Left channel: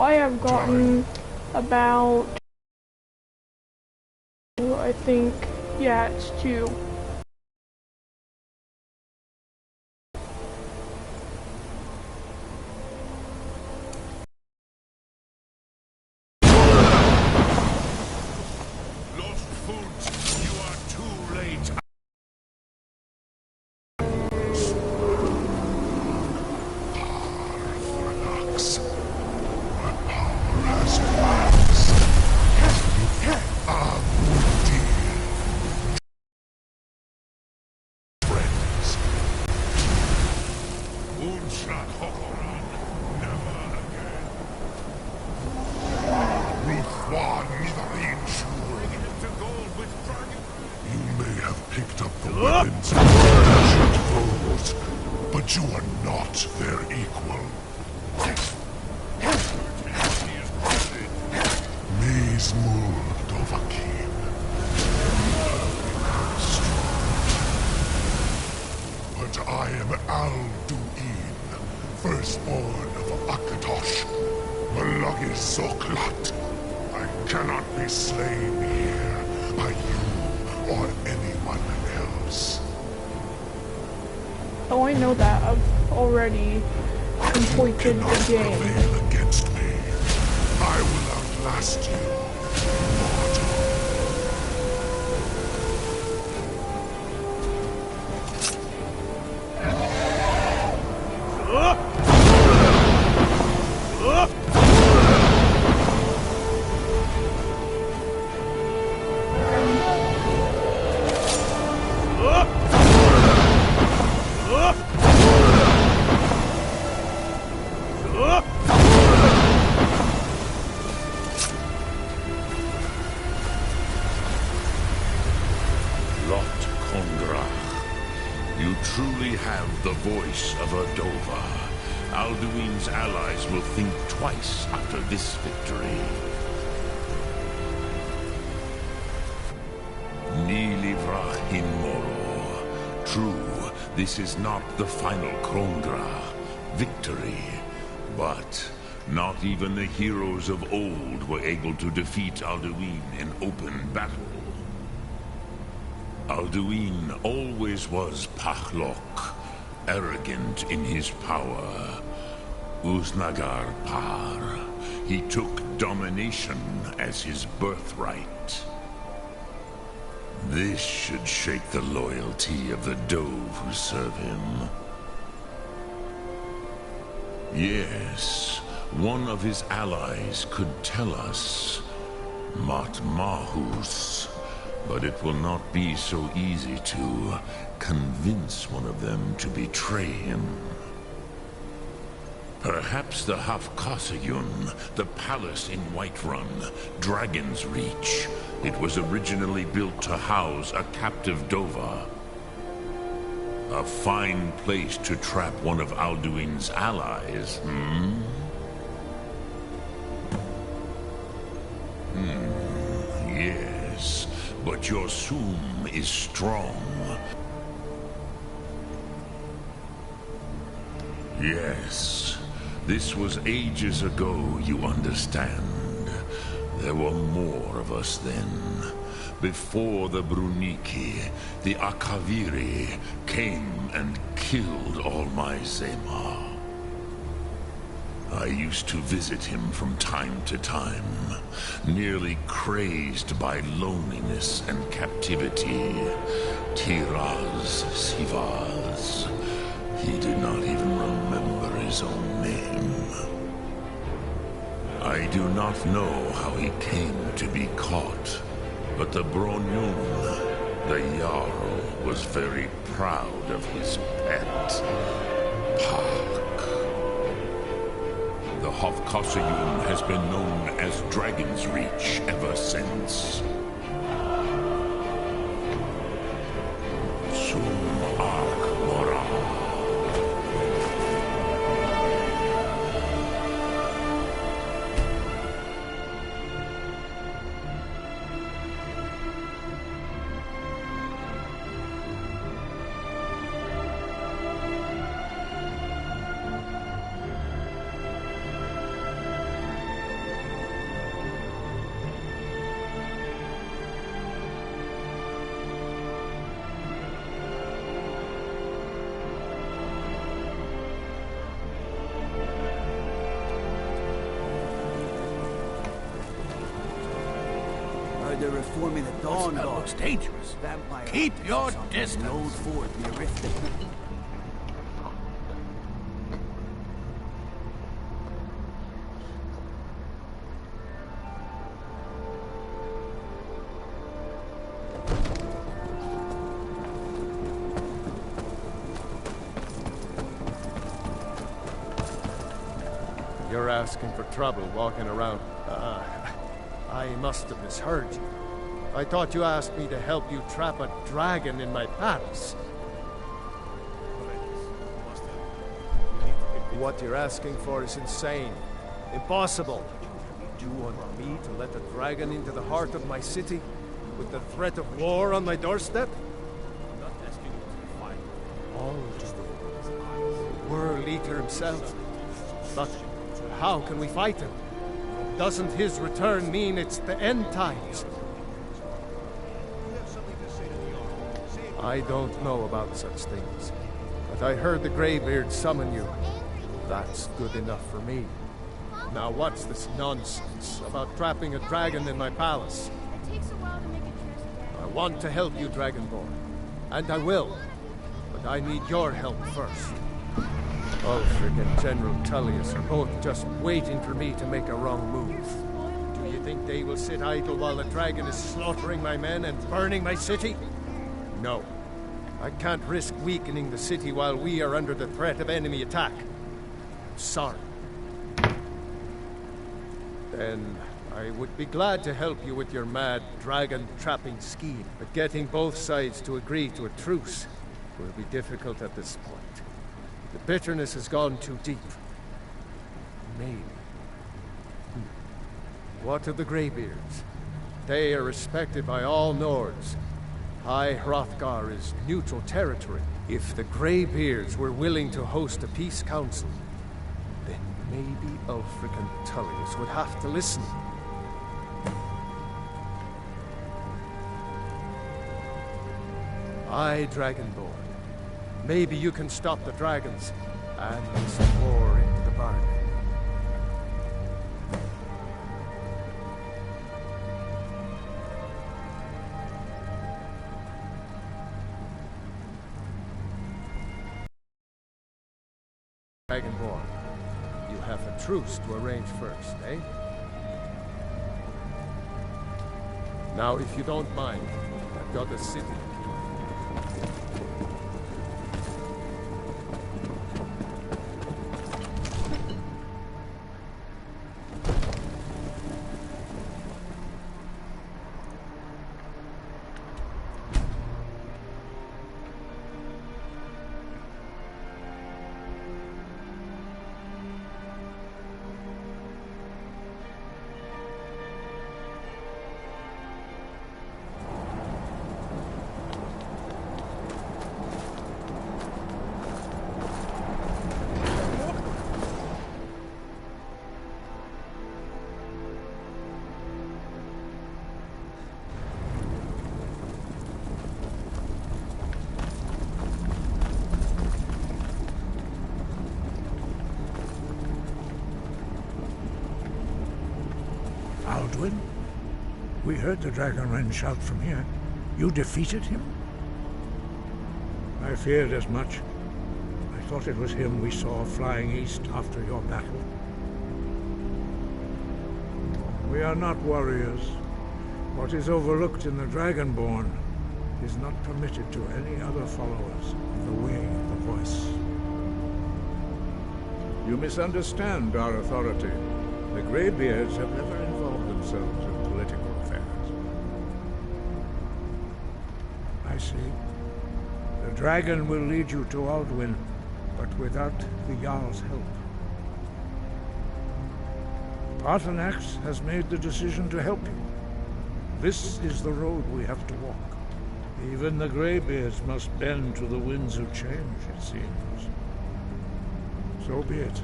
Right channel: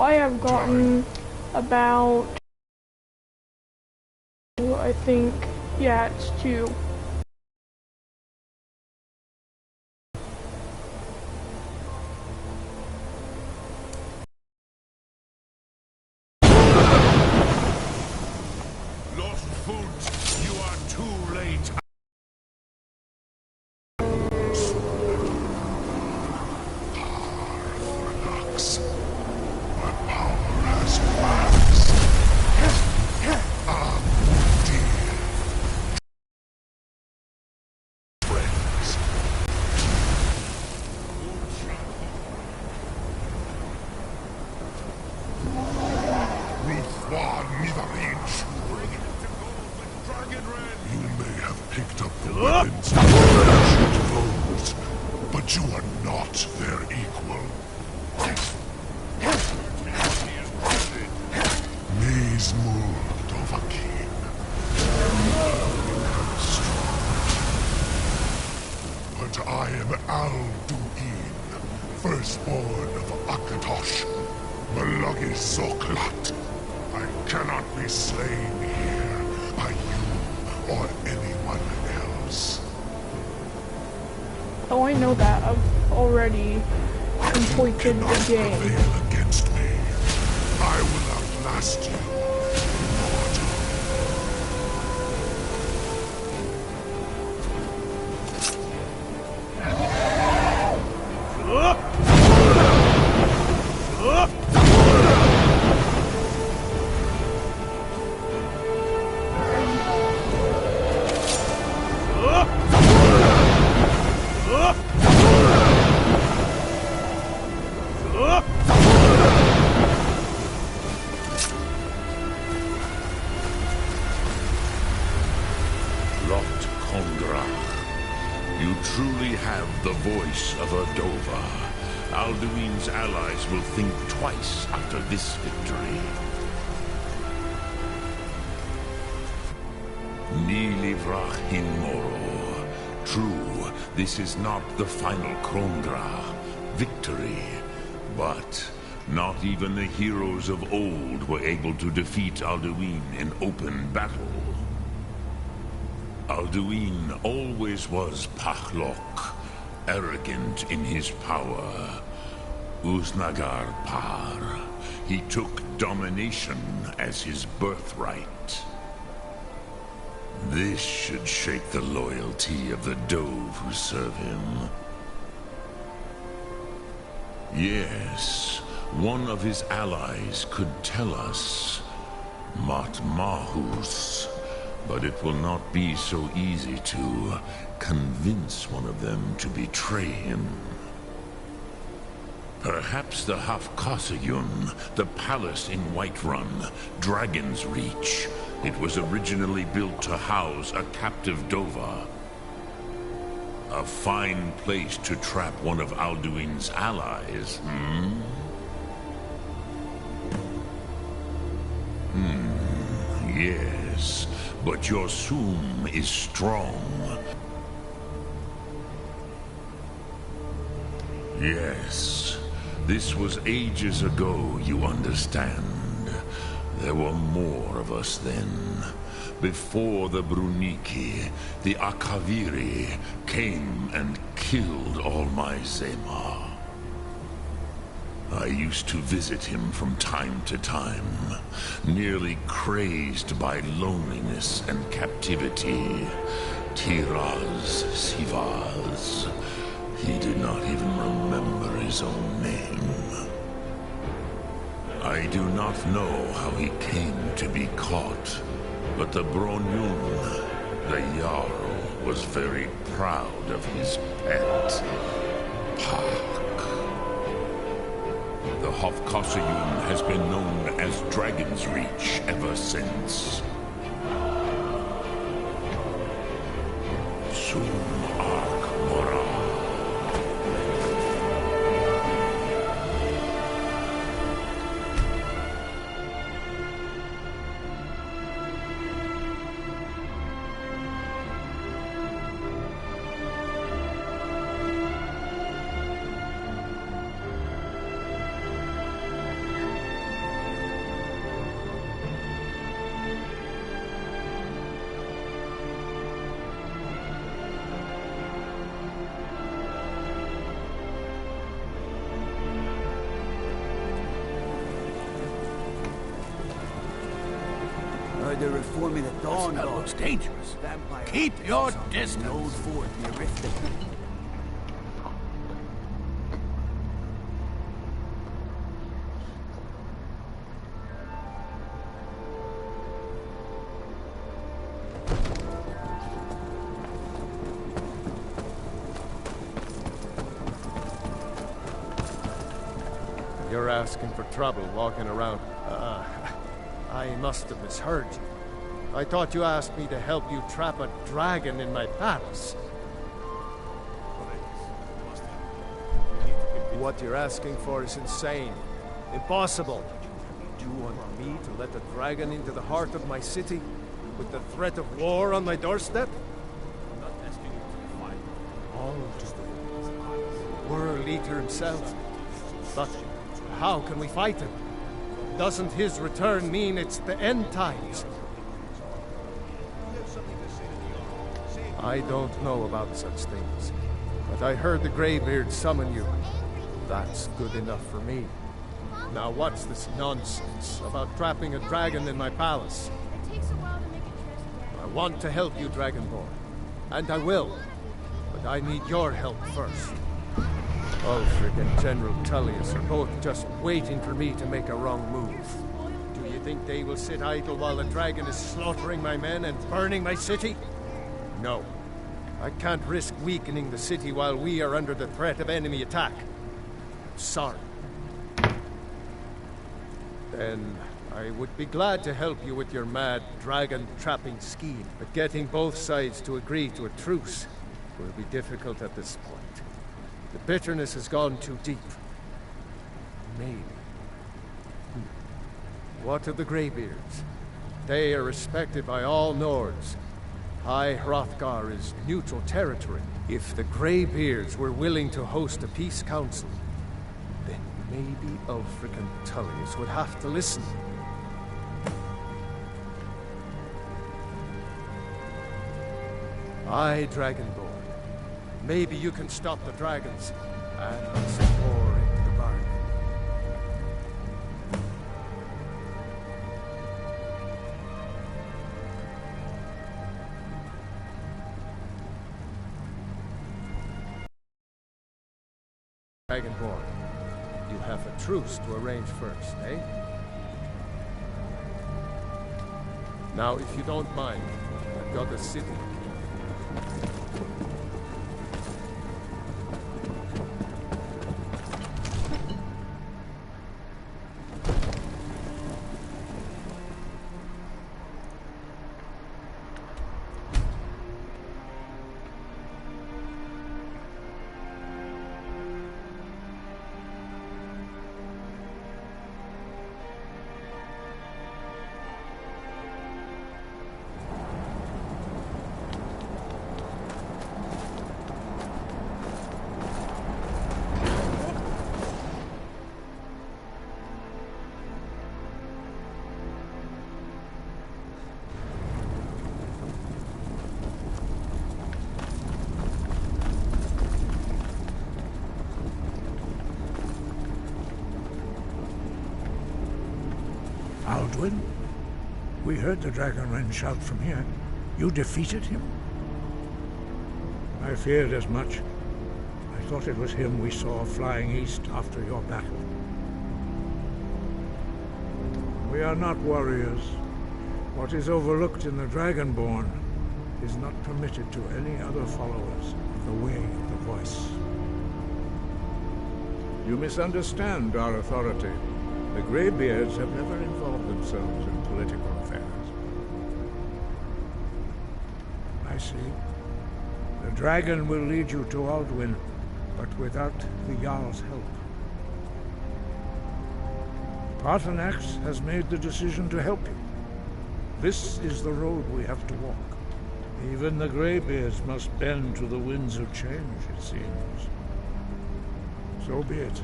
I have gotten about, I think, yeah, it's 2. Lost Foods, you are too late. My power has waxed. Ah, dear friends. You may have picked up the weapons of ancient foes, but you are not their equal. Maze Muld Dovahkiin. Become strong. But I am Alduin, firstborn of Akatosh, Malagi Zoklat. I cannot be slain here by you or anyone else. Oh, I know that. I've already completed the game. Prevail against me. I will outlast you, mortal. Lot Kondrach, you truly have the voice of a Dova. Alduin's allies will think twice after this victory. Nilivrach hin Moro. True, this is not the final Krongra victory, but not even the heroes of old were able to defeat Alduin in open battle. Alduin always was Pachlok, arrogant in his power. Uznagar Par. He took domination as his birthright. This should shake the loyalty of the Dove who serve him. Yes, one of his allies could tell us. Mat Mahus. But it will not be so easy to convince one of them to betray him. Perhaps the Hafkasayun, the palace in Whiterun, Dragon's Reach. It was originally built to house a captive Dova. A fine place to trap one of Alduin's allies, Yes. But your Sum is strong. Yes. This was ages ago, you understand. There were more of us then. Before the Bruniki, the Akaviri came and killed all my Zema. I used to visit him from time to time, nearly crazed by loneliness and captivity. Tiraz Sivaz. He did not even remember his own name. I do not know how he came to be caught, but the Bronyun, the Jarl, was very proud of his pet, Pak. The Hofkosayun has been known as Dragon's Reach ever since. Sum Ark Mora. they're reforming the Dawn That Guard. looks dangerous. Vampire Keep hunters your or something. distance. The old fort near Riften. You're asking for trouble walking around. I must have misheard you. I thought you asked me to help you trap a dragon in my palace. What you're asking for is insane. Impossible. You want me to let the dragon into the heart of my city? With the threat of war on my doorstep? I'm not asking you to fight. All just the world eater himself. But how can we fight him? Doesn't his return mean it's the end times? I don't know about such things, but I heard the Greybeard summon you. That's good enough for me. Now what's this nonsense about trapping a dragon in my palace? It takes a while to make a dress. I want to help you, Dragonborn. And I will. But I need your help first. Ulfric and General Tullius are both just waiting for me to make a wrong move. Do you think they will sit idle while the dragon is slaughtering my men and burning my city? No. I can't risk weakening the city while we are under the threat of enemy attack. I'm sorry. Then I would be glad to help you with your mad dragon-trapping scheme, but getting both sides to agree to a truce will be difficult at this point. The bitterness has gone too deep. Maybe. What of the Greybeards? They are respected by all Nords. High Hrothgar is neutral territory. If the Greybeards were willing to host a peace council, then maybe Ulfric and Tullius would have to listen. Aye, Dragonborn. Maybe you can stop the dragons, and some war into the bargain. Dragonborn, you have a truce to arrange first, eh? Now, if you don't mind, I've got a city. Alduin? We heard the Dragonren shout from here. You defeated him? I feared as much. I thought it was him we saw flying east after your battle. We are not warriors. What is overlooked in the Dragonborn is not permitted to any other followers of the Way of the Voice. You misunderstand our authority. The Greybeards have never involved themselves in political affairs. I see. The dragon will lead you to Alduin, but without the Jarl's help. Paarthurnax has made the decision to help you. This is the road we have to walk. Even the Greybeards must bend to the winds of change, it seems. So be it.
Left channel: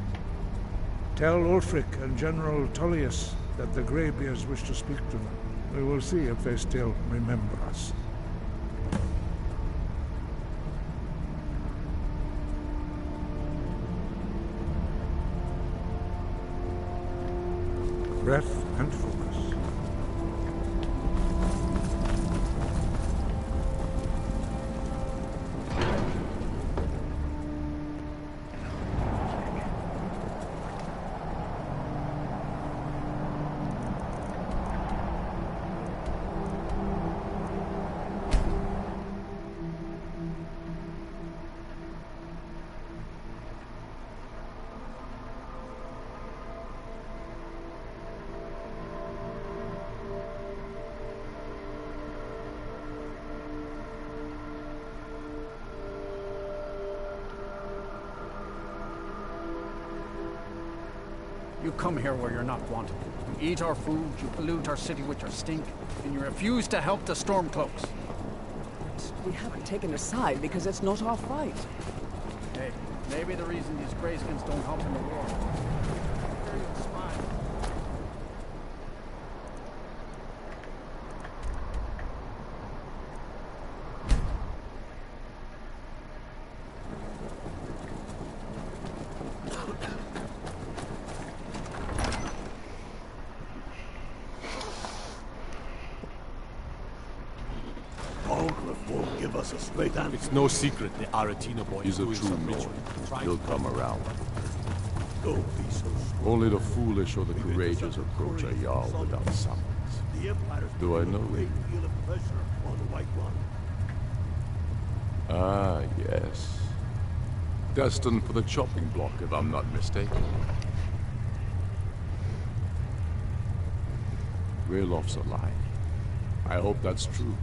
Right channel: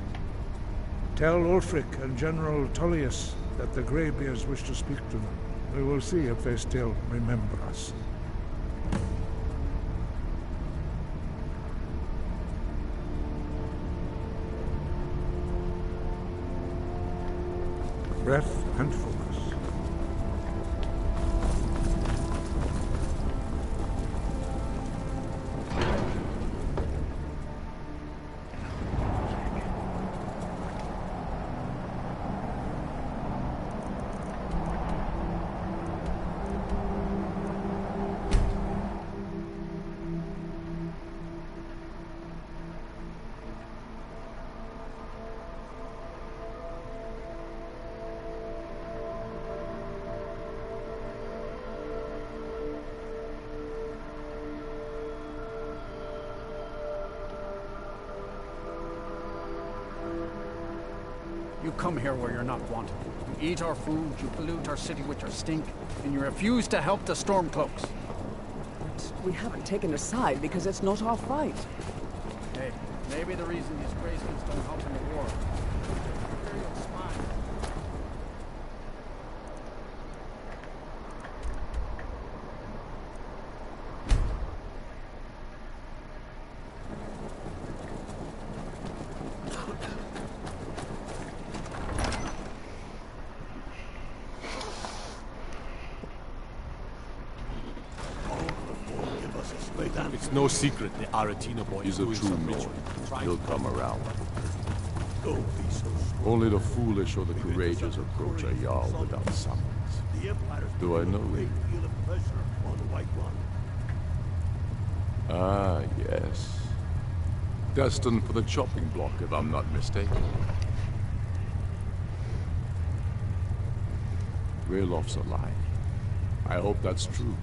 Tell Ulfric and General Tullius that the Greybeards wish to speak to them. We will see if they still remember us. Breath and focus. You come here where you're not wanted. You eat our food, you pollute our city with your stink, and you refuse to help the Stormcloaks. But we haven't taken a side because it's not our fight. Hey, maybe the reason these Greyskins don't help in the war. Imperial spy. It's no secret the Aratina boy He's is a doing true some Nord. ritual. He'll come around. Don't be so strong. Only the foolish or the courageous approach a Jarl without summons. Do I know you? Ah, yes. Destined for the chopping block, if I'm not mistaken. Raylof's alive. I hope that's true.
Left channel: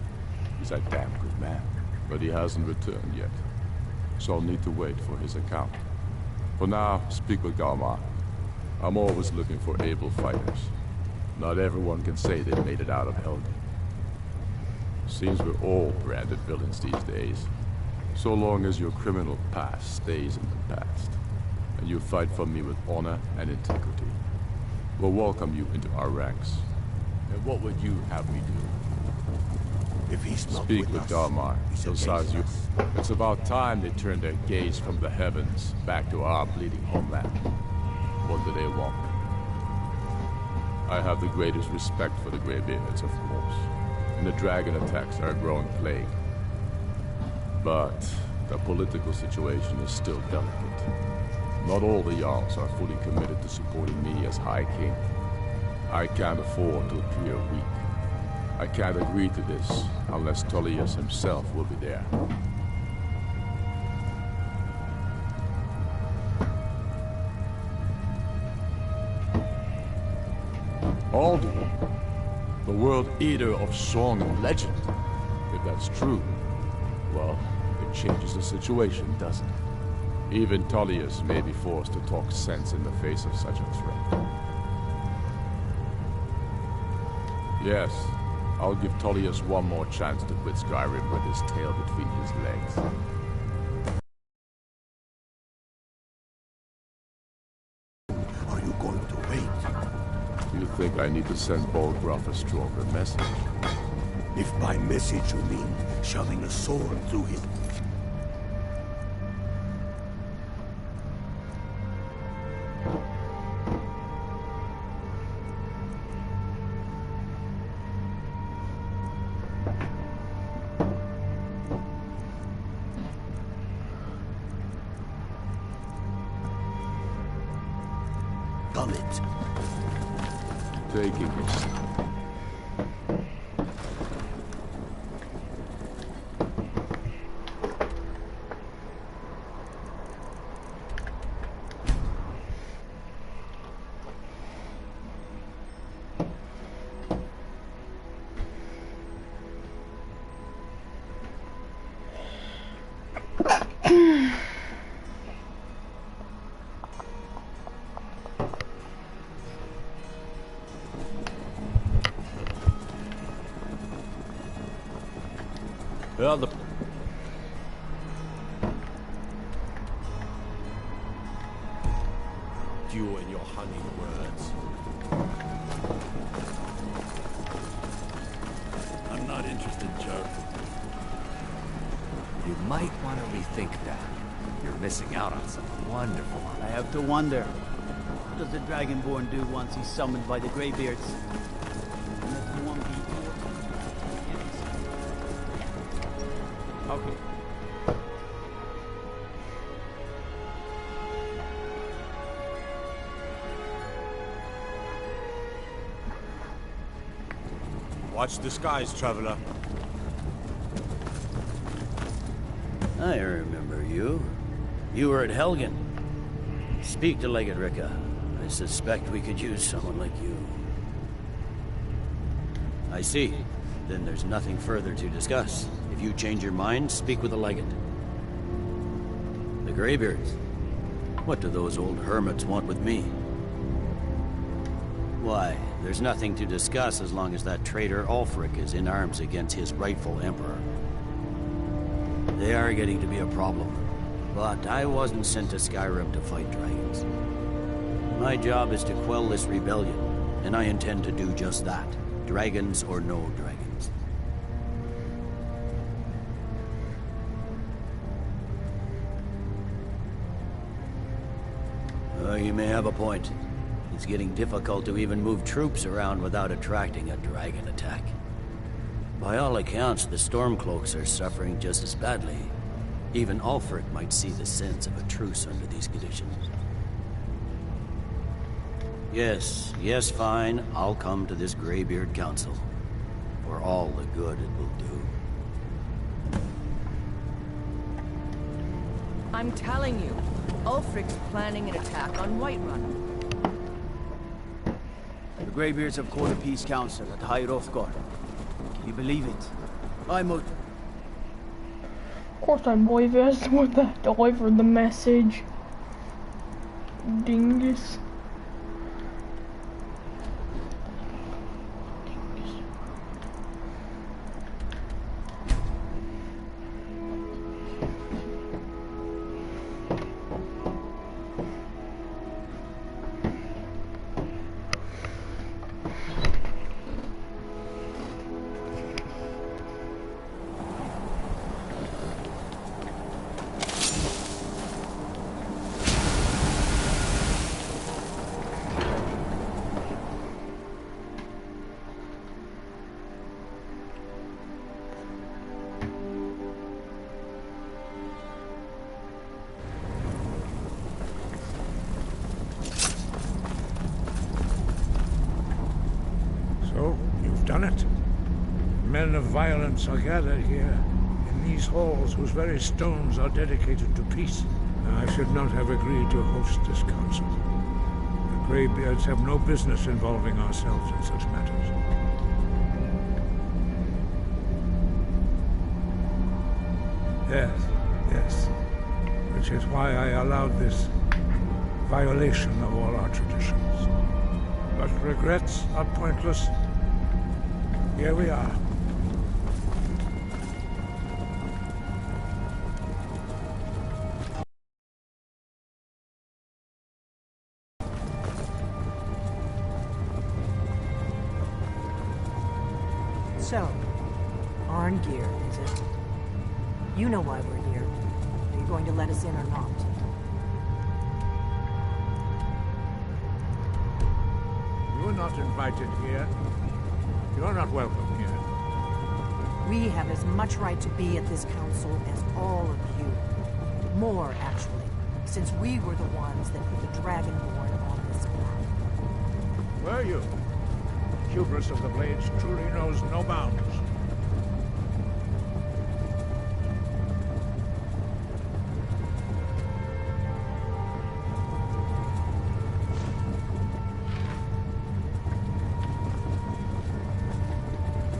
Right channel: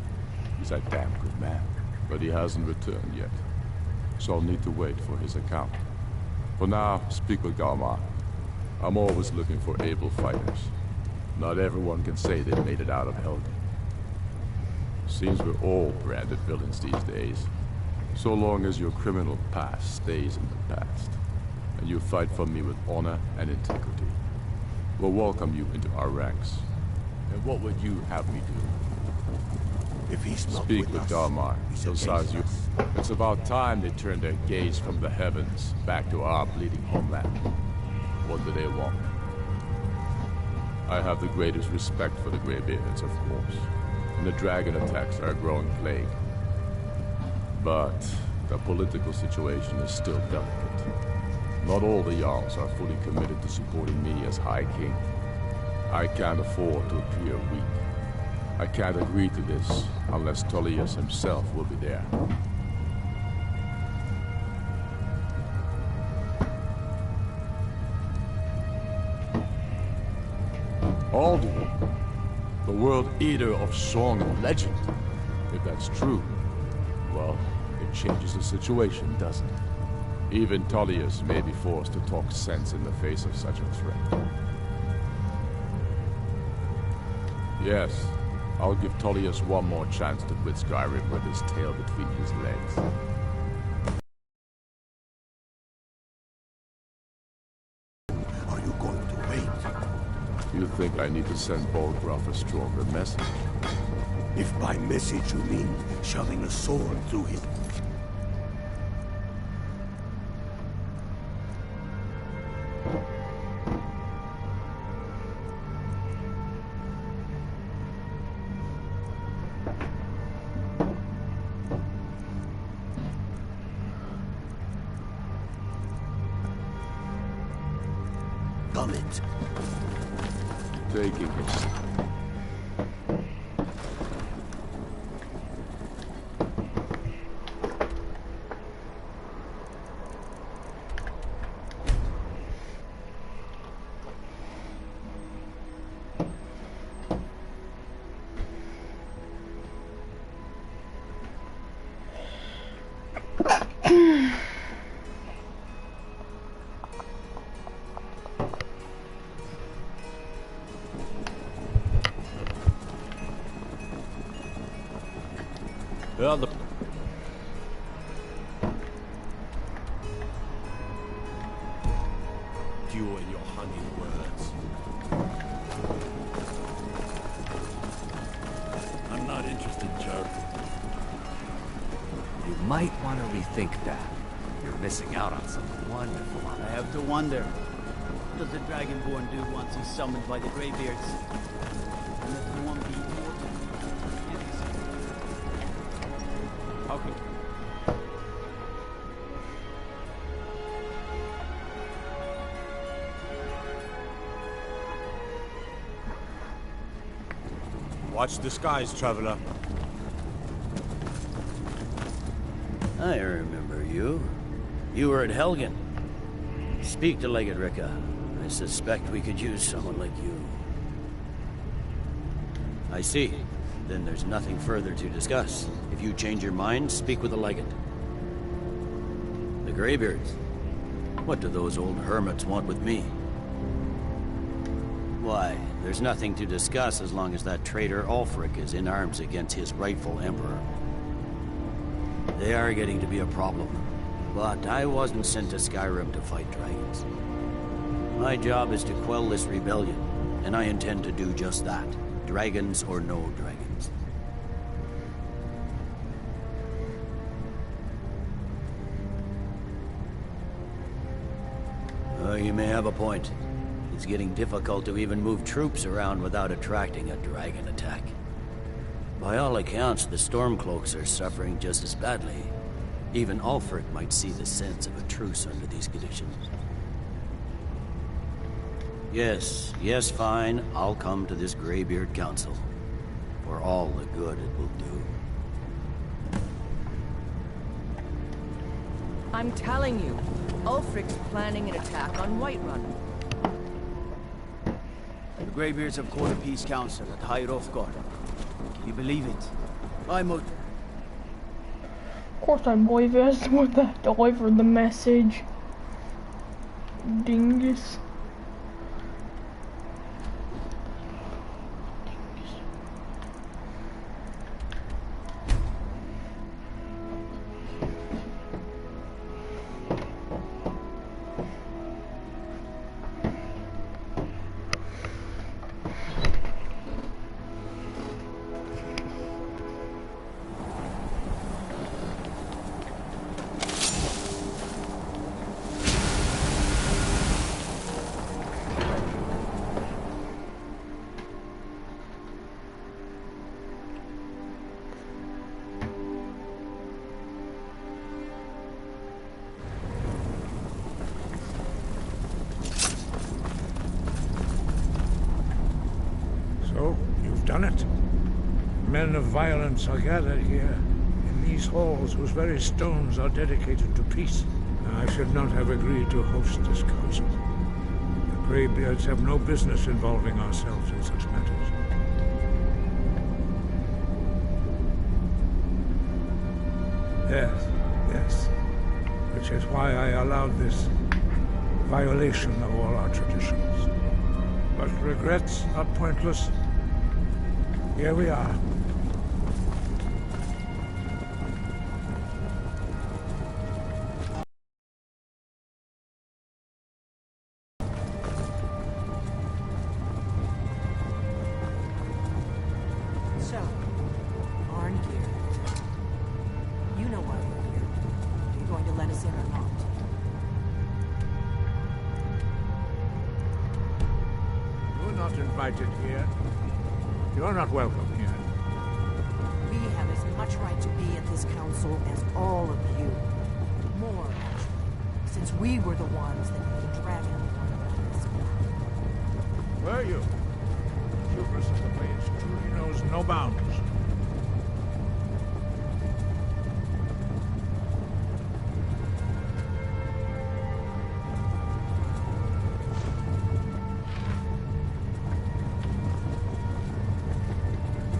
He's a damn good man. But he hasn't returned yet. So I'll need to wait for his account. For now, speak with Galmar. I'm always looking for able fighters. Not everyone can say they've made it out of Helgen. Seems we're all branded villains these days. So long as your criminal past stays in the past. And you fight for me with honor and integrity. We'll welcome you into our ranks. And what would you have me do? If he's not Speak with us, Galmar. he's He'll against size you. us. It's about time they turned their gaze from the heavens back to our bleeding homeland. What do they want? I have the greatest respect for the Greybeards, of course. And the dragon attacks are a growing plague. But the political situation is still delicate. Not all the Jarls are fully committed to supporting me as High King. I can't afford to appear weak. I can't agree to this unless Tullius himself will be there. Alduin, the world eater of song and legend. If that's true, well, it changes the situation, doesn't it? Even Tullius may be forced to talk sense in the face of such a threat. Yes, I'll give Tullius one more chance to quit Skyrim with his tail between his legs. Are you going to wait? You think I need to send Bolgraf a stronger message? If by message you mean shoving a sword through his... Done it. Taking it. The... You and your honeyed words. I'm not interested, Jerk. You might want to rethink that. You're missing out on something wonderful. I have to wonder, what does the Dragonborn do once he's summoned by the Greybeards? And if one be immortal, How can... Watch the skies, traveler. I remember you. You were at Helgen. Speak to Legate Ricka. I suspect we could use someone like you. I see. Then there's nothing further to discuss. If you change your mind, speak with the Legate. The Greybeards. What do those old hermits want with me? Why, there's nothing to discuss as long as that traitor Ulfric is in arms against his rightful emperor. They are getting to be a problem, but I wasn't sent to Skyrim to fight dragons. My job is to quell this rebellion, and I intend to do just that, dragons or no dragons. You may have a point. It's getting difficult to even move troops around without attracting a dragon attack. By all accounts, the Stormcloaks are suffering just as badly. Even Ulfric might see the sense of a truce under these conditions. Yes, fine. I'll come to this Greybeard Council. For all the good it will do. I'm telling you, Ulfric's planning an attack on Whiterun. The Greybeards have called a peace council at High Hrothgar. Can you believe it? I'm a... Of course I believe it. That's what that delivered the message. Dingus. So, you've done it. Men of violence are gathered here, in these halls whose very stones are dedicated to peace. I should not have agreed to host this council. The Greybeards have no business involving ourselves in such matters. Yes. Which is why I allowed this violation of all our traditions. But regrets are pointless. Here we are. So, Arngeir, is it? You know why we're here. Are you going to let us in or not? You're not invited here. You're not welcome here. We have as much right to be at this council as all of you. More, actually, since we were the ones that put the Dragonborn on this path. Were you? Hubris of the Blades truly knows no bounds.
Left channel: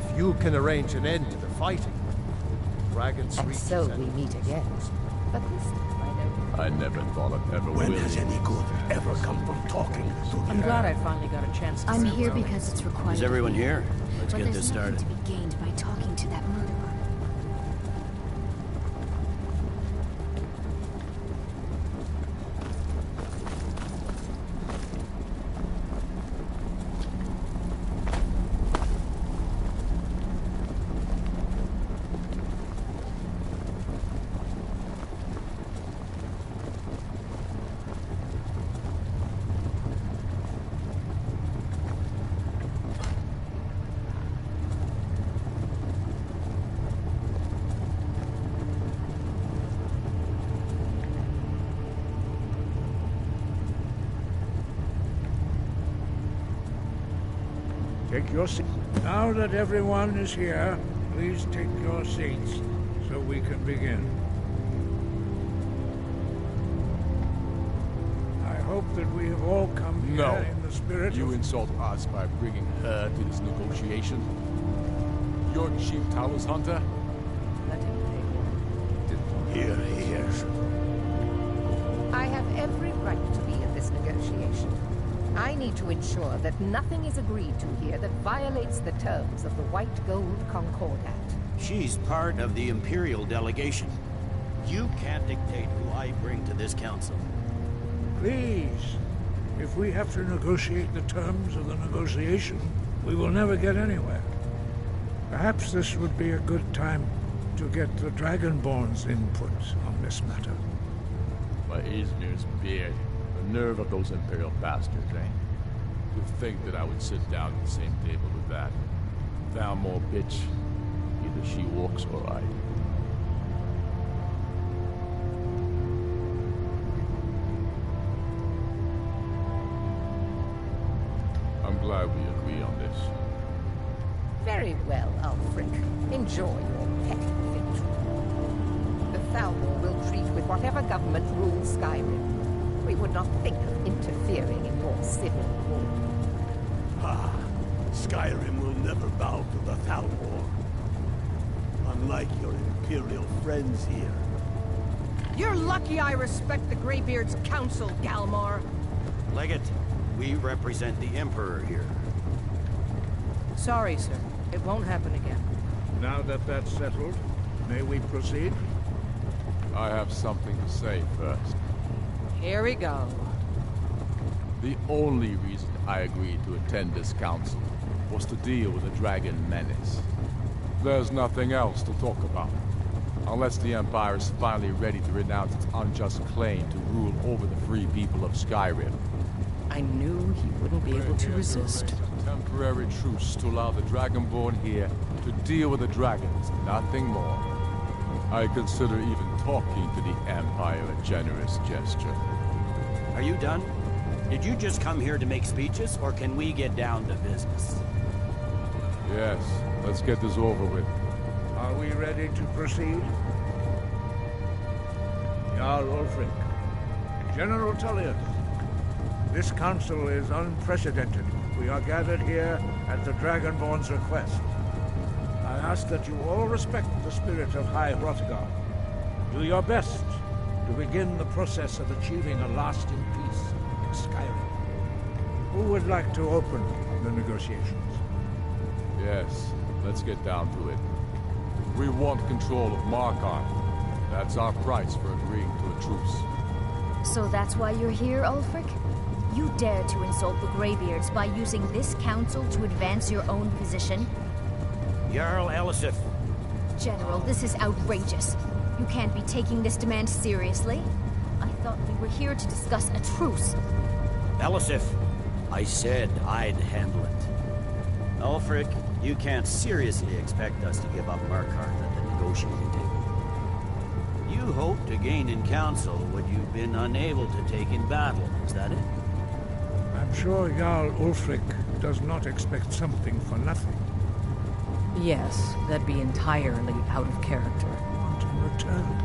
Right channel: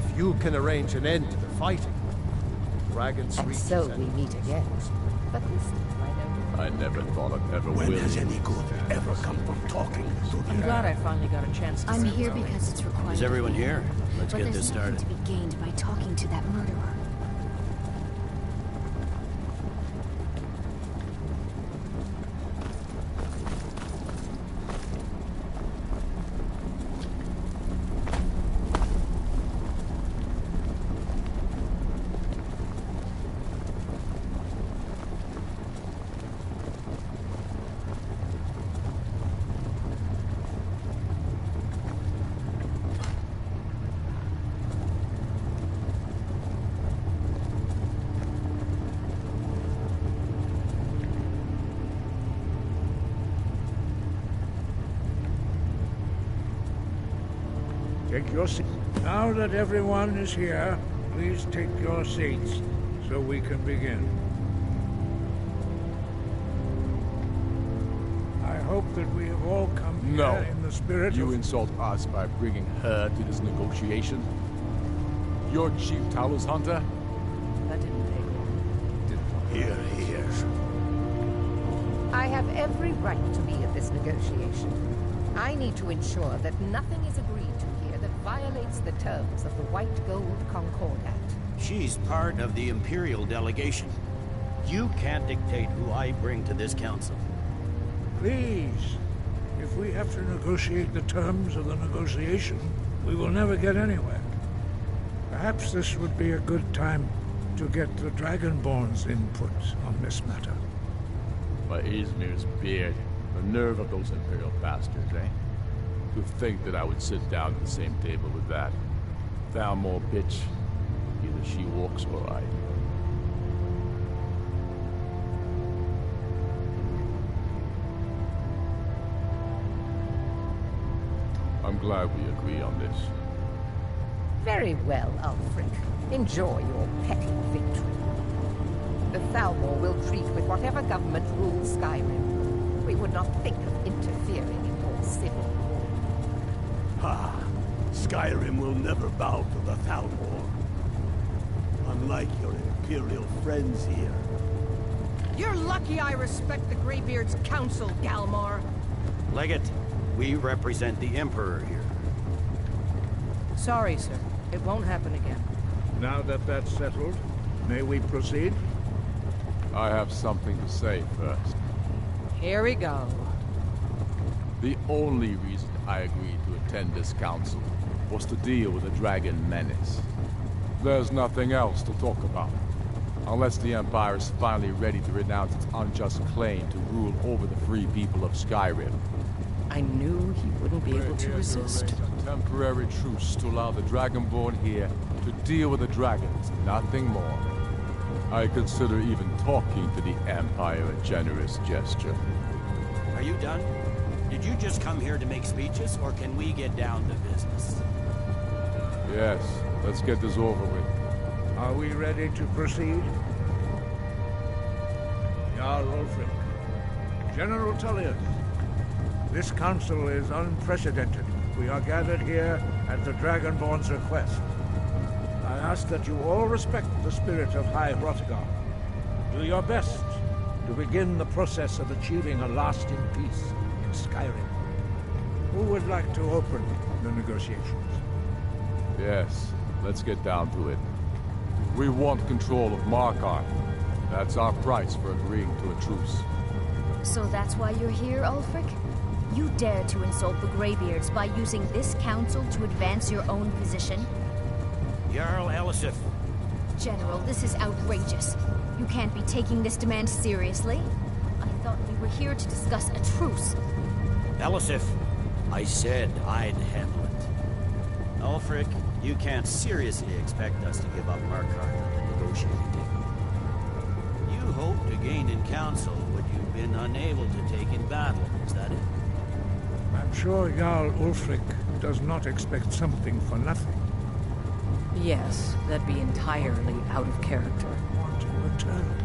If you can arrange an end to the fighting, dragons And reach so we meet again. But this time I never thought I'd ever When will. has any good ever come from talking to the I'm glad I finally got a chance to I'm say here well. because it's required. Is everyone here? Let's But get there's this nothing started. to be gained by talking to that murderer. Take your seat. Now that everyone is here, please take your seats so we can begin. I hope that we have all come here No. in the spirit You of... insult us by bringing her to this negotiation? Your chief Talos hunter? That didn't take long. Here. I have every right to be at this negotiation. I need to ensure that nothing is agreed to here that violates the terms of the White Gold Concordat. She's part of the Imperial delegation. You can't dictate who I bring to this council. Please. If we have to negotiate the terms of the negotiation, we will never get anywhere. Perhaps this would be a good time to get the Dragonborn's input on this matter. By Izmir's beard, the nerve of those Imperial bastards, eh? To think that I would sit down at the same table with that. Thalmor bitch. Either she walks or I. I'm glad we agree on this. Very well, Ulfric. Enjoy your petty victory. The Thalmor will treat with whatever government rules Skyrim. We would not think of interfering in your civil war. Ha! Skyrim will never bow to the Thalmor. Unlike your Imperial friends here. You're lucky I respect the Greybeard's counsel, Galmar. Legate, we represent the Emperor here. Sorry, sir. It won't happen again. Now that that's settled, may we proceed? I have something to say first. Here we go. The only reason I agreed to attend this council was to deal with the Dragon Menace. There's nothing else to talk about. Unless the Empire is finally ready to renounce its unjust claim to rule over the free people of Skyrim. I knew he wouldn't be able to resist. A temporary truce to allow the Dragonborn here to deal with the dragons, nothing more. I consider even talking to the Empire a generous gesture. Are you done? Did you just come here to make speeches, or can we get down to business? Yes, let's get this over with. Are we ready to proceed? Jarl Ulfric, General Tullius, this council is unprecedented. We are gathered here at the Dragonborn's request. I ask that you all respect the spirit of High Hrothgar. Do your best to begin the process of achieving a lasting peace in Skyrim. Who would like to open the negotiations? Yes, let's get down to it. We want control of Markarth. That's our price for agreeing to a truce. So that's why you're here, Ulfric? You dare to insult the Greybeards by using this council to advance your own position? Jarl Elisif. General, this is outrageous. You can't be taking this demand seriously. I thought we were here to discuss a truce. Elisif, I said I'd handle it. Ulfric, you can't seriously expect us to give up Markarth at the negotiating table. You hoped to gain in council what you've been unable to take in battle, is that it? I'm sure Jarl Ulfric does not expect something for nothing. Yes, that'd be entirely out of character. Want in return?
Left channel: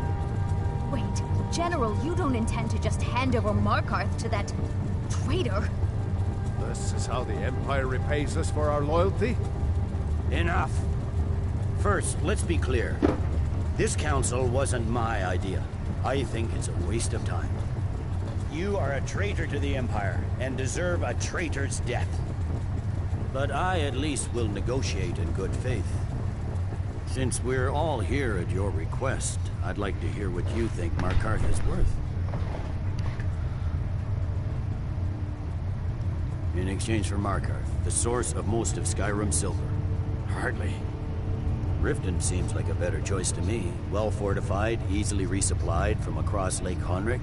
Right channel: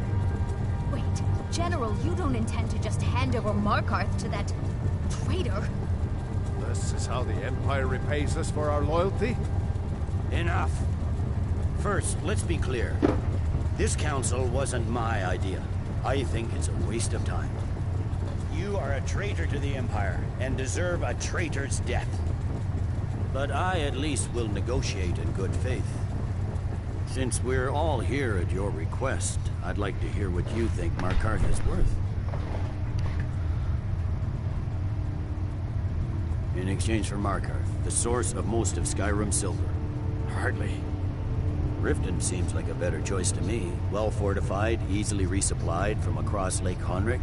Wait, General, you don't intend to just hand over Markarth to that traitor? This is how the Empire repays us for our loyalty? Enough. First, let's be clear. This council wasn't my idea. I think it's a waste of time. You are a traitor to the Empire, and deserve a traitor's death. But I at least will negotiate in good faith. Since we're all here at your request, I'd like to hear what you think Markarth is worth. In exchange for Markarth, the source of most of Skyrim's silver. Hardly. Riften seems like a better choice to me. Well fortified, easily resupplied from across Lake Honric,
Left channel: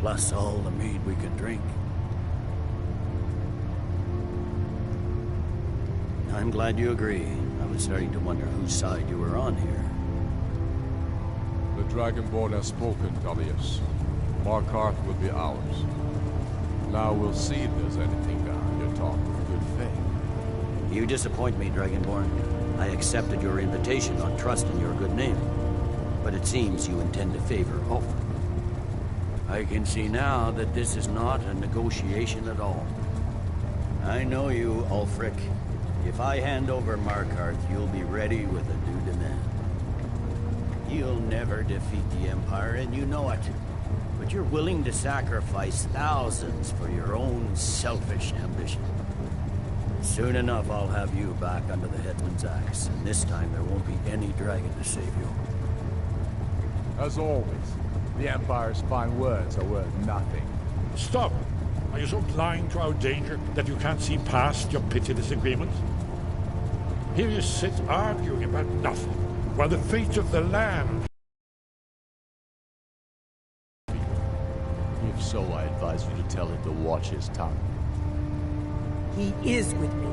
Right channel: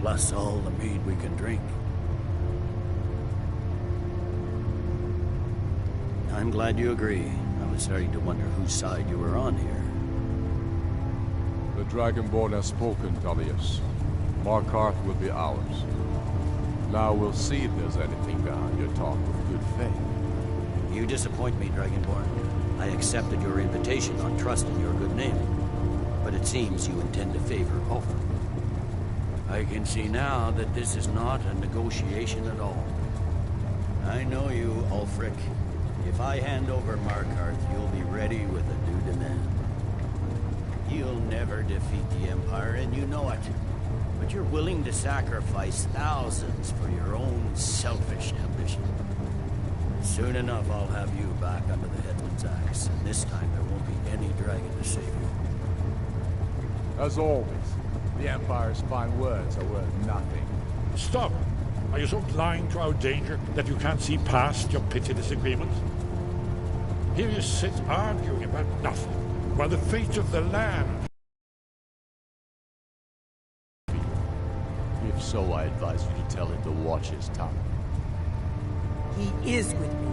plus all the mead we can drink. I'm glad you agree. I was starting to wonder whose side you were on here. The Dragonborn has spoken, Tullius. Markarth will be ours. Now we'll see if there's anything behind your talk of good faith. You disappoint me, Dragonborn. I accepted your invitation on trust in your good name. But it seems you intend to favor Ulfric. I can see now that this is not a negotiation at all. I know you, Ulfric. If I hand over Markarth, you'll be ready with a new demand. You'll never defeat the Empire, and you know it. but you're willing to sacrifice thousands for your own selfish ambition. Soon enough, I'll have you back under the headsman's axe, and this time there won't be any dragon to save you. As always, the Empire's fine words are worth nothing. Stop! Are you so blind to our danger that you can't see past your petty disagreements? Here you sit arguing about nothing, while the fate of the land... If so, I advise you to tell him to watch his tongue. He is with me.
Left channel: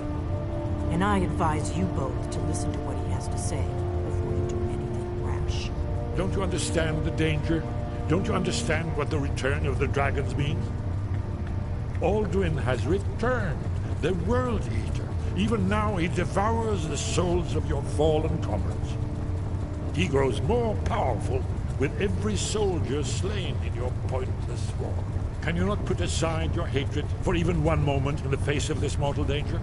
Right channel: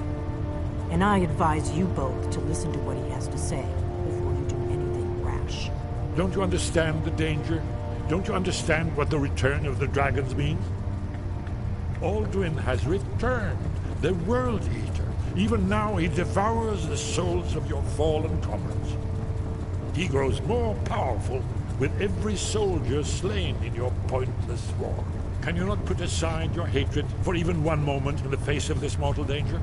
And I advise you both to listen to what he has to say before you do anything rash. Don't you understand the danger? Don't you understand what the return of the dragons means? Alduin has returned, the World Eater. Even now he devours the souls of your fallen comrades. He grows more powerful with every soldier slain in your pointless war. Can you not put aside your hatred for even one moment in the face of this mortal danger?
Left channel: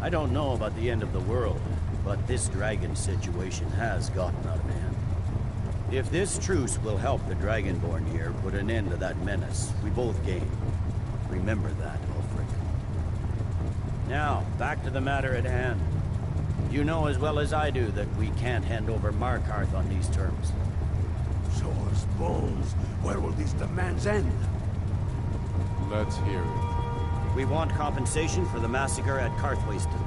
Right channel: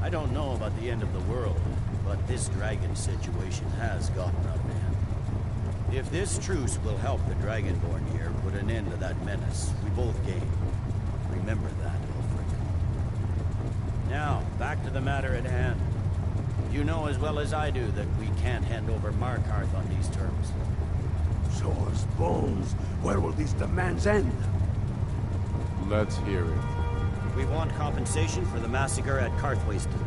I don't know about the end of the world, but this dragon situation has gotten out of hand. If this truce will help the Dragonborn here put an end to that menace, we both gain. Remember that, Ulfric. Now, back to the matter at hand. You know as well as I do that we can't hand over Markarth on these terms. Swords, bones, where will these demands end? Let's hear it. We want compensation for the massacre at Karthwasten.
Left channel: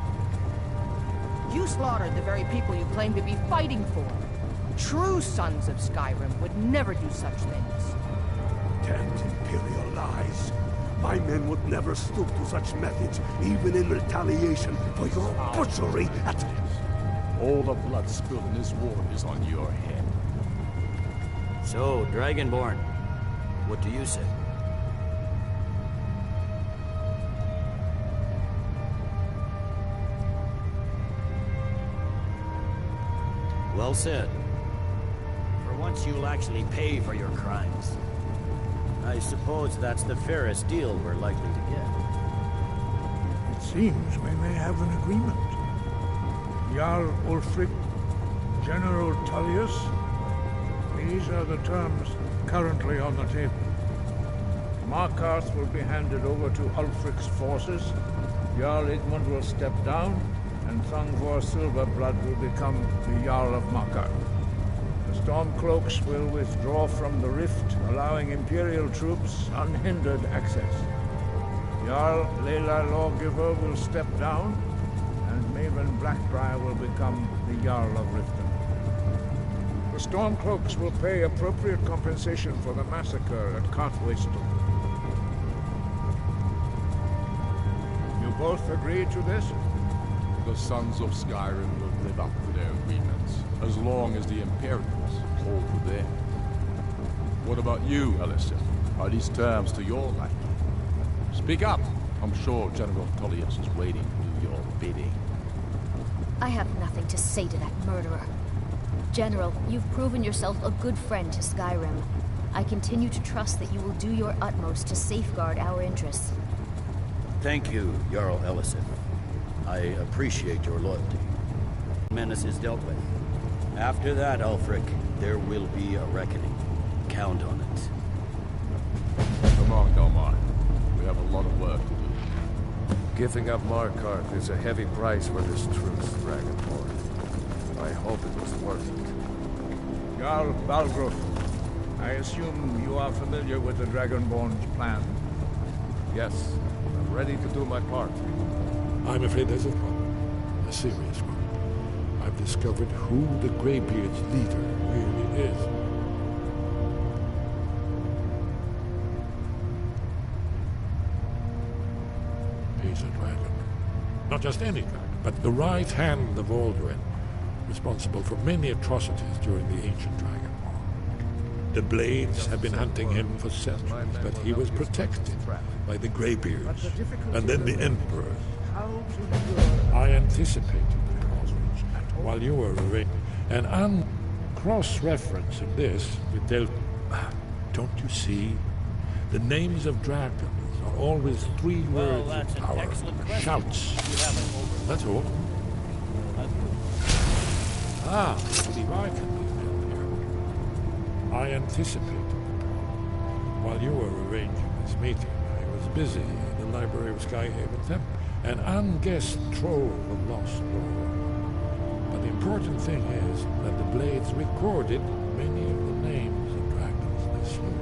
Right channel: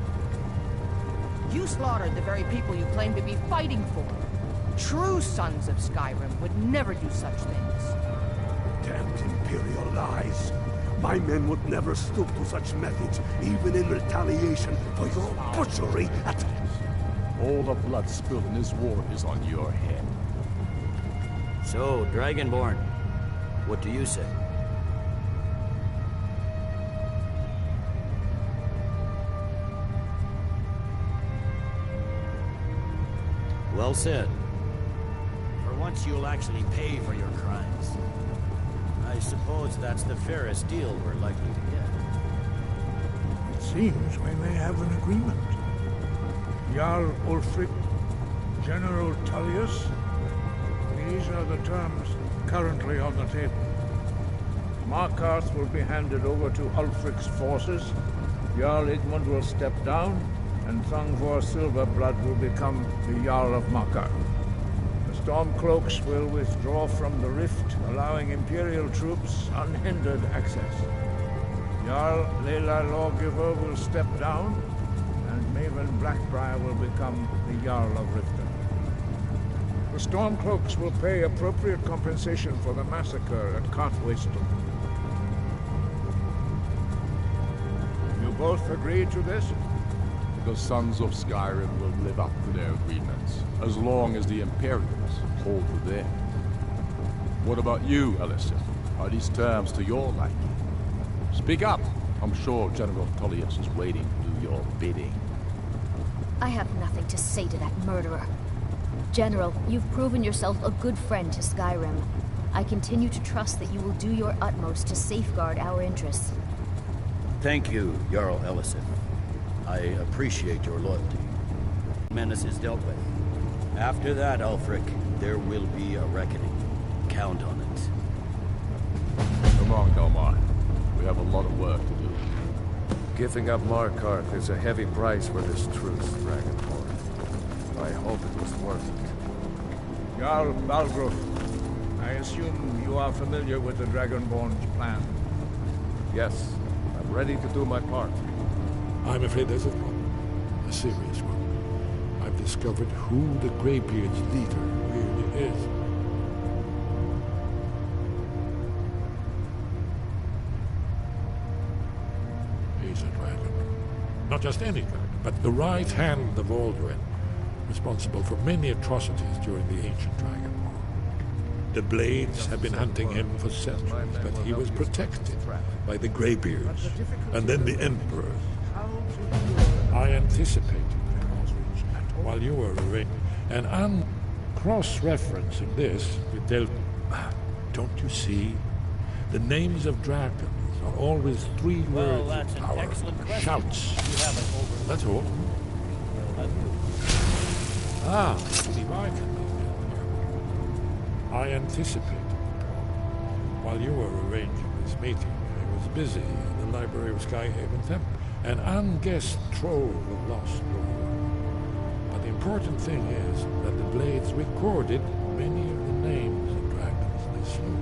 You slaughtered the very people you claim to be fighting for. True sons of Skyrim would never do such things. Damned Imperial lies. My men would never stoop to such methods, even in retaliation for your butchery at... All the blood spilled in this war is on your head. So, Dragonborn, what do you say? Well said. For once you'll actually pay for your crimes. I suppose that's the fairest deal we're likely to get. It seems we may have an agreement. Jarl Ulfric, General Tullius, these are the terms currently on the table. Markarth will be handed over to Ulfric's forces, Jarl Igmund will step down, and Thungvor Silverblood will become the Jarl of Markarth. The Stormcloaks will withdraw from the rift, allowing Imperial troops unhindered access. Jarl Leila Lawgiver will step down, and Maven Blackbriar will become the Jarl of Riften. The Stormcloaks will pay appropriate compensation for the massacre at Karthwasten. You both agree to this? The Sons of Skyrim will live up to their agreements, as long as the Imperials hold to theirs. What about you, Ellison? Are these terms to your liking? Speak up! I'm sure General Tullius is waiting to do your bidding. I have nothing to say to that murderer. General, you've proven yourself a good friend to Skyrim. I continue to trust that you will do your utmost to safeguard our interests. Thank you, Jarl Ellison. I appreciate your loyalty. Menace is dealt with. After that, Ulfric, there will be a reckoning. Count on it. Come on, Delmar. We have a lot of work to do. Giving up Markarth is a heavy price for this truce, Dragonborn. I hope it was worth it. Jarl Balgruuf, I assume you are familiar with the Dragonborn's plan. Yes, I'm ready to do my part. I'm afraid there's a problem. A serious one. I've discovered who the Greybeard's leader really is. He's a dragon. Not just any dragon, but the right hand of Alduin, responsible for many atrocities during the ancient Dragon War. The Blades have been hunting him for centuries, but he was protected by the Greybeards, and then the Emperor. I anticipated the causes while you were away, and cross-referencing this with Don't you see? The names of dragons are always three words of power. Shouts. That's all. Ah, I believe I can be built here. I anticipated the problem. While you were arranging this meeting, I was busy in the library of Skyhaven Temple, an unguessed trove of lost lore. But the important thing is that the Blades recorded many of the names of dragons they slew.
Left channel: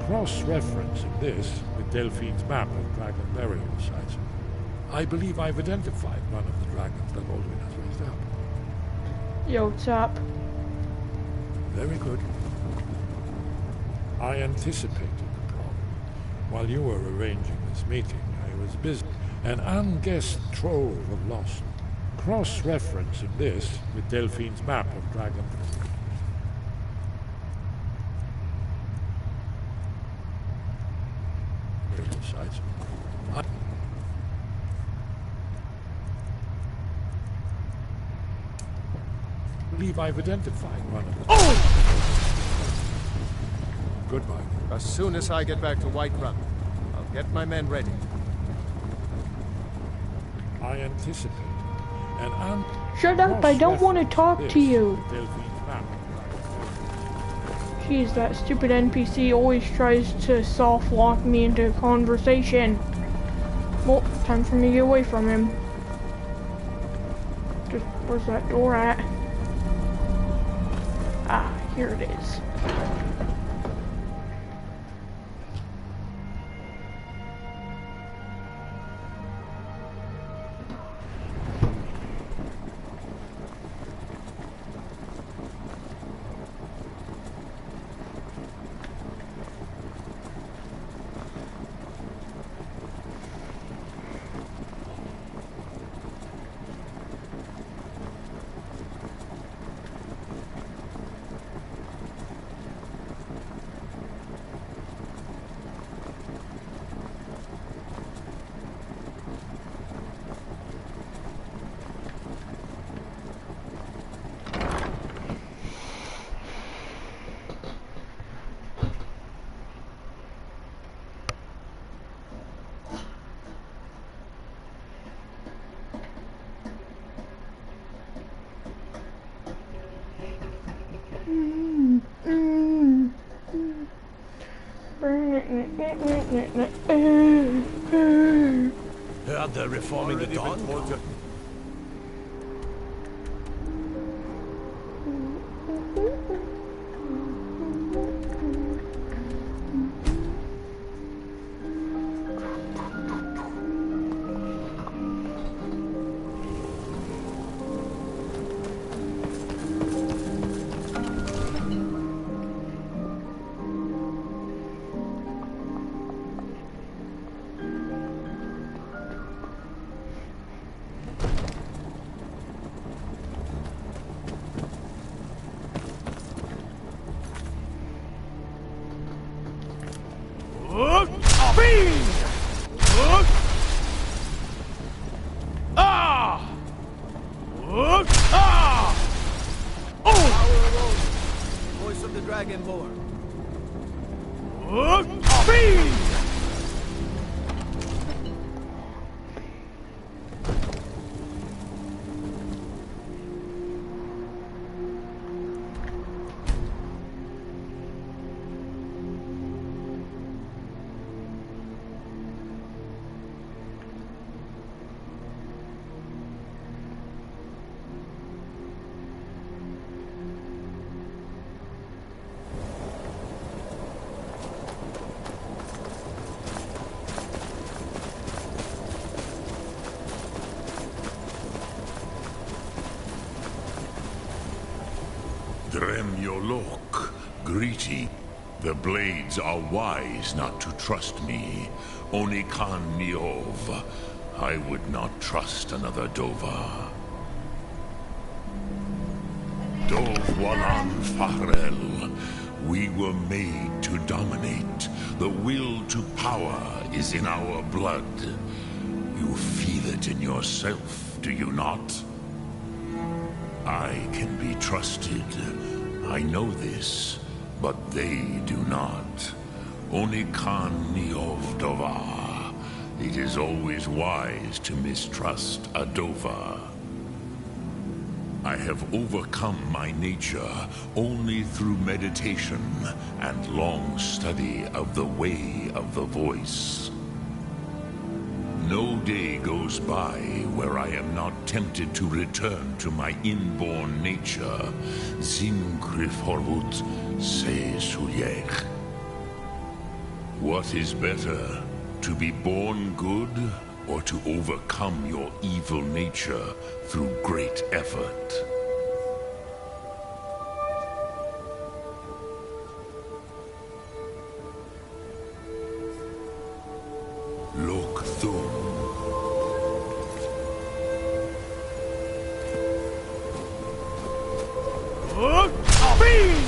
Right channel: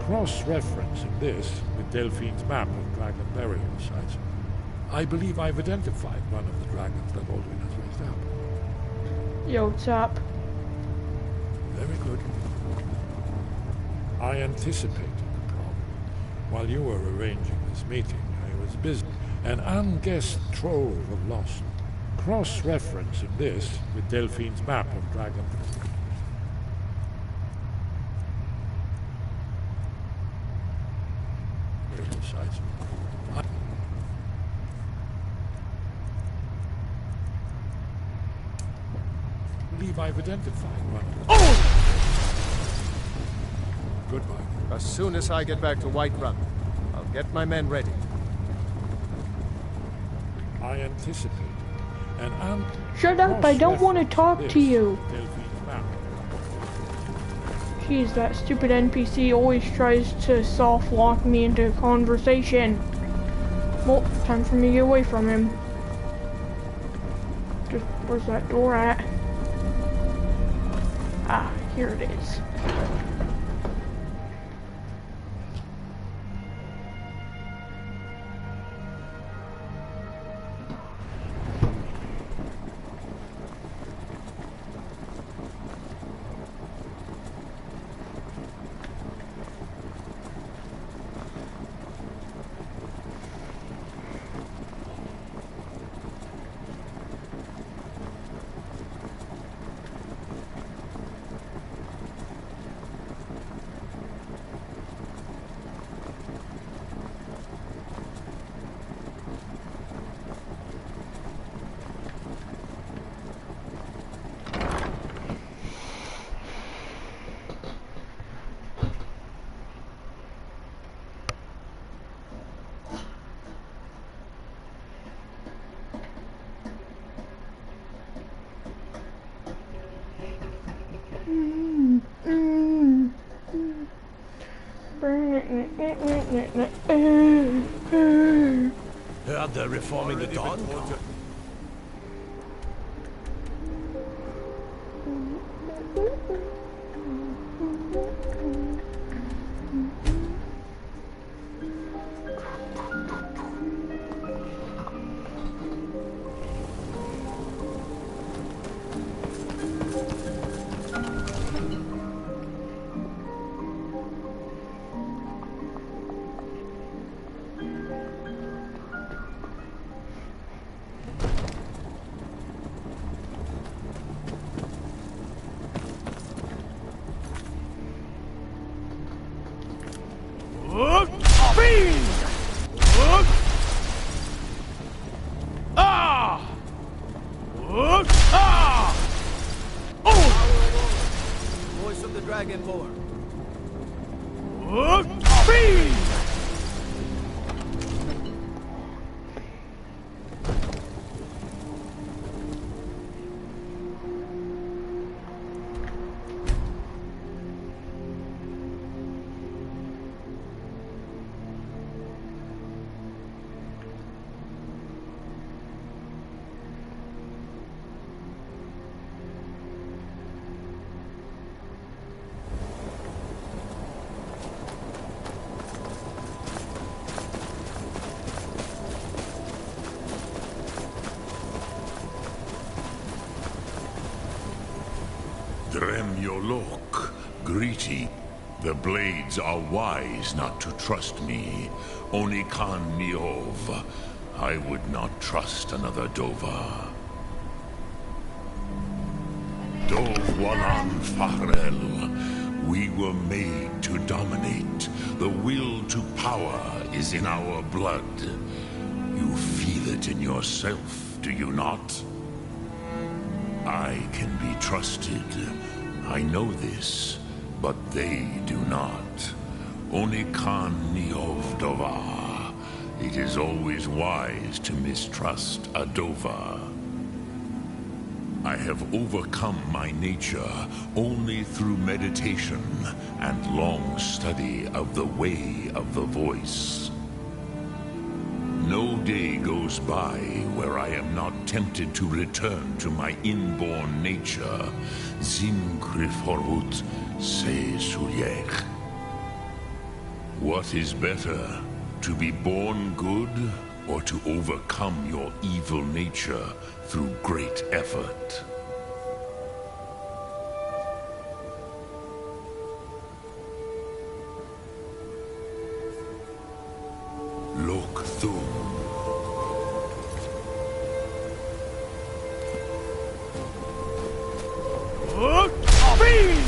Cross-referencing this with Delphine's map of dragon burial sites, I believe I've identified one of the dragons that Alduin has raised up. Yo, what's up? Very good. I anticipated the problem. While you were arranging this meeting, I was busy. An unguessed trove of lost. Cross-referencing this with Delphine's map of dragon burial sites. I believe I've identified one of them. Oh! Goodbye. As soon as I get back to Whiterun, I'll get my men ready. I anticipated an Shut up, I don't want to talk to you. Jeez, that stupid NPC always tries to soft lock me into a conversation. Well, time for me to get away from him. Just, where's that door at? Ah, here it is. Heard they're reforming the Dawn Guard. Voice of the Dragonborn. Dremyolok, greeting. The Blades are wise not to trust me. Onikan Niov. I would not trust another Dova. Dovwalan Farel. We were made to dominate. The will to power is in our blood. You feel it in yourself, do you not? I can be trusted. I know this, but they do not. Onikan Niov Dova. It is always wise to mistrust a Dova. I have overcome my nature only through meditation and long study of the way of the voice. No day goes by where I am not tempted to return to my inborn nature. Zimgrifhorvut se suliech. What is better, to be born good, or to overcome your evil nature through great effort? Look through. Fiend!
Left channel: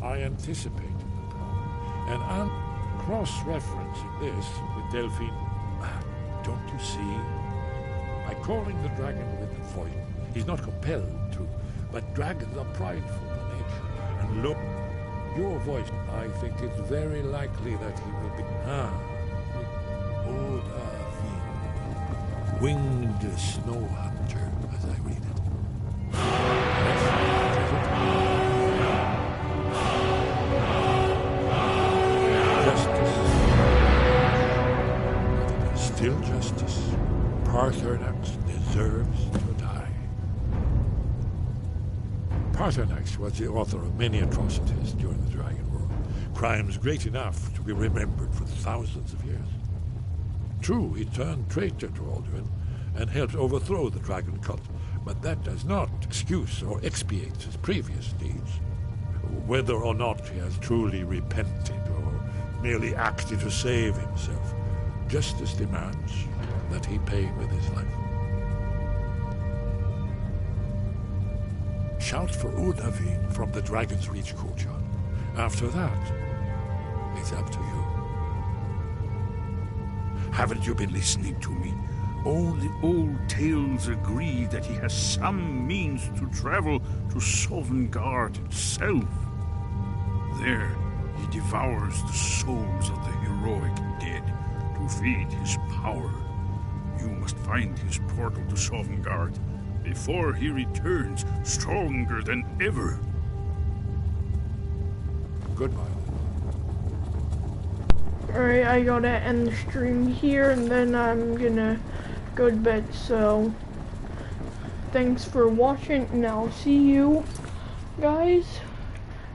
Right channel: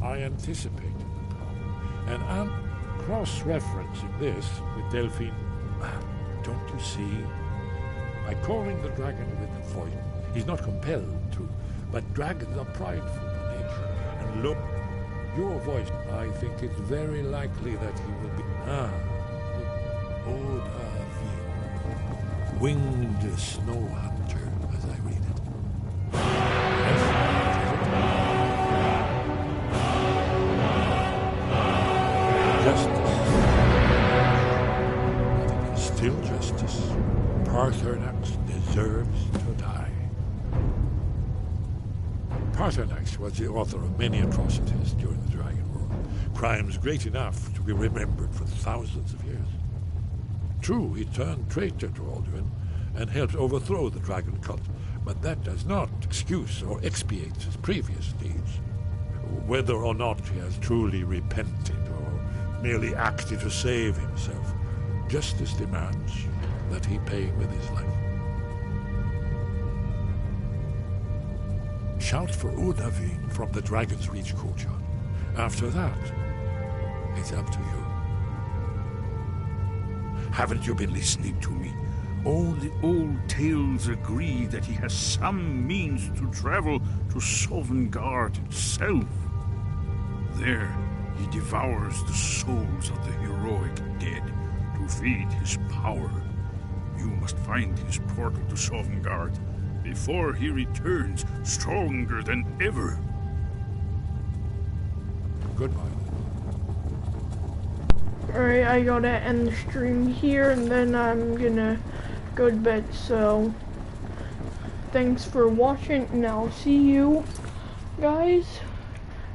I anticipated the problem, and I'm cross-referencing this with Delphine. Don't you see? By calling the dragon with the voice, he's not compelled to, but dragons are prideful by nature. And look, your voice, I think it's very likely that he will be... Odavin, winged snow hunter, as I read it. Yes, what is it? Justice. But it is still justice. Paarthurnax deserves to die. Paarthurnax was the author of many atrocities during the Dragon War. Crimes great enough to be remembered for thousands of years. True, he turned traitor to Alduin and helped overthrow the dragon cult, but that does not excuse or expiate his previous deeds. Whether or not he has truly repented or merely acted to save himself, justice demands that he pay with his life. Shout for Udavin from the Dragon's Reach courtyard. After that, it's up to you. Haven't you been listening to me? All the old tales agree that he has some means to travel to Sovngarde itself. There, he devours the souls of the heroic dead to feed his power. You must find his portal to Sovngarde before he returns stronger than ever. Goodbye. Alright, I gotta end the stream here and then I'm gonna go to bed, so thanks for watching and I'll see you guys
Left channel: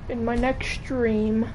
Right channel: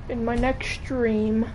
in my next stream.